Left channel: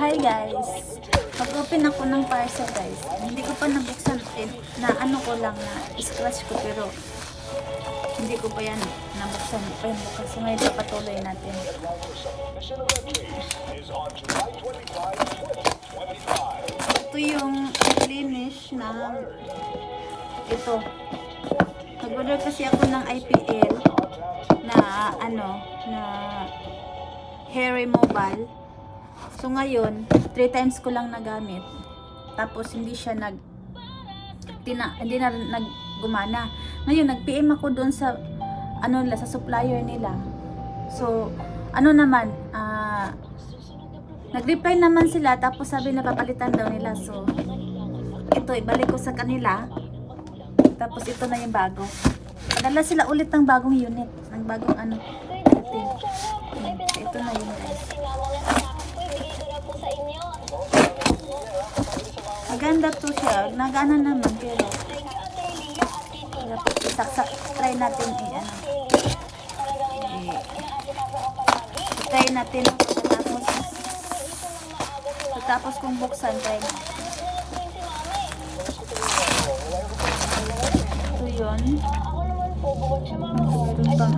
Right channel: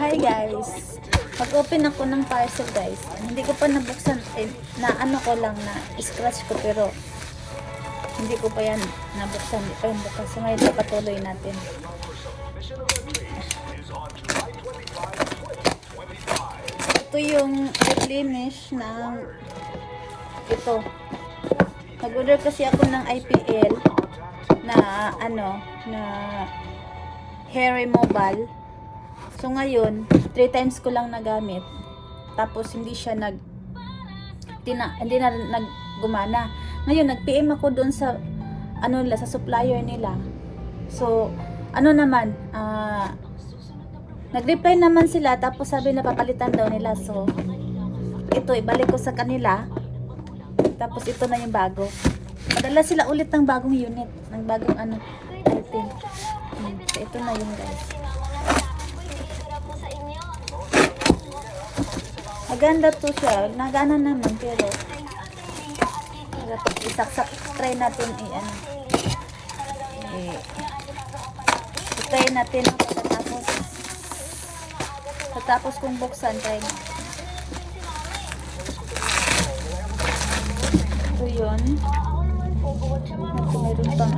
Hi guys! Mag-open ako ng parcel guys. Hindi ko pa nabuksan na ano ko lang na scratch ko pero hindi ko pa yan nabuksan. So ngayon papatuloy natin. Ito yung finish ng ito. Nag-order kasi ako ng IPL na ano na hair removal. So ngayon, 3 times ko lang nagamit. Tapos hindi siya hindi na naggumana. Ngayon nag-PM ako doon sa sa supplier nila. So ano naman, nag-reply naman sila tapos sabi na papalitan daw nila. So ito ibalik ko sa kanila. Tapos ito na yung bago. Padala sila ulit ng bagong unit, ng bagong ito na yun guys. Maganda to siya. Nagano naman pero isaksak. Try natin try natin tapos kung buksan tayo na. Ito yun. Mayroon pang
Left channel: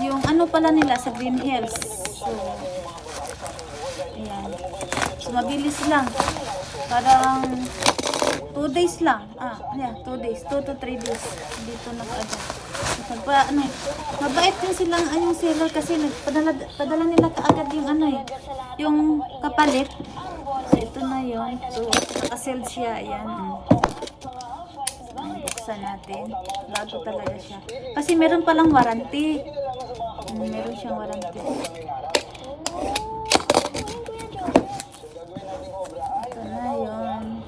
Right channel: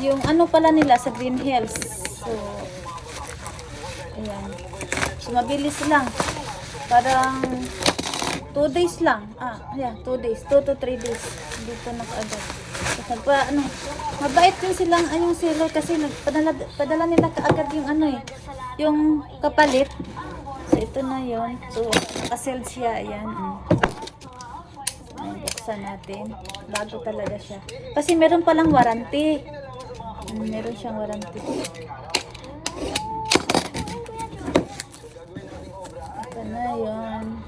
yung pala nila sa Green Hills. So, ayan. So, mabilis lang. Parang 2 days lang. Ayan, 2 days. 2 to 3 days. Dito mag-agad. So, mabait din silang sila kasi padala nila kaagad yung yung kapalit. So, ito na yun. So, kasil siya. Ayan. Buksan natin. Bago talaga siya. Kasi meron palang warranty. Meron siyang warranty. Ito na yun.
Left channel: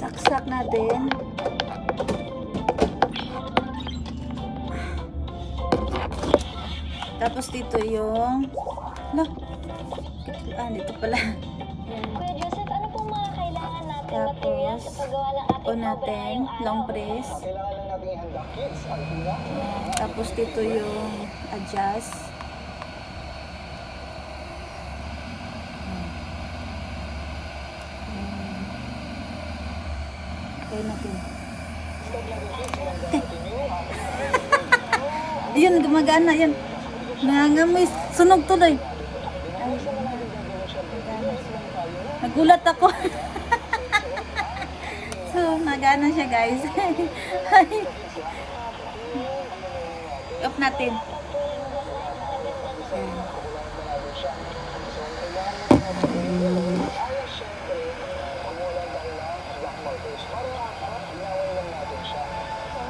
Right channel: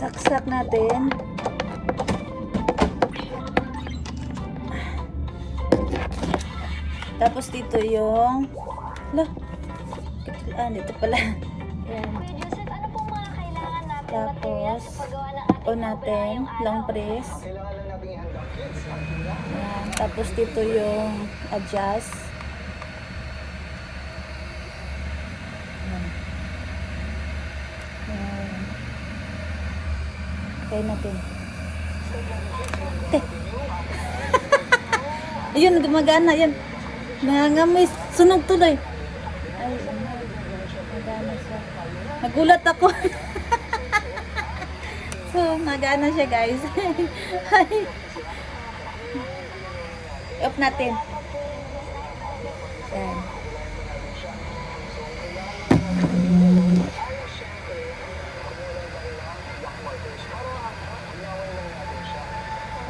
Saksak natin. Tapos dito yung dito pala. Ayan. Joseph, ano pong mga kailangan natin Tapos on natin, long press. Ayan. Tapos dito yung adjust. Try natin. Ayun, gumagana yan. Nangangamoy, sunog tuloy. Ay, nagana siya. Nagulat ako. So, nagana siya guys. Off natin. Ayan.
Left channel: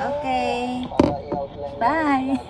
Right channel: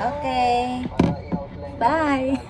Okay. Bye.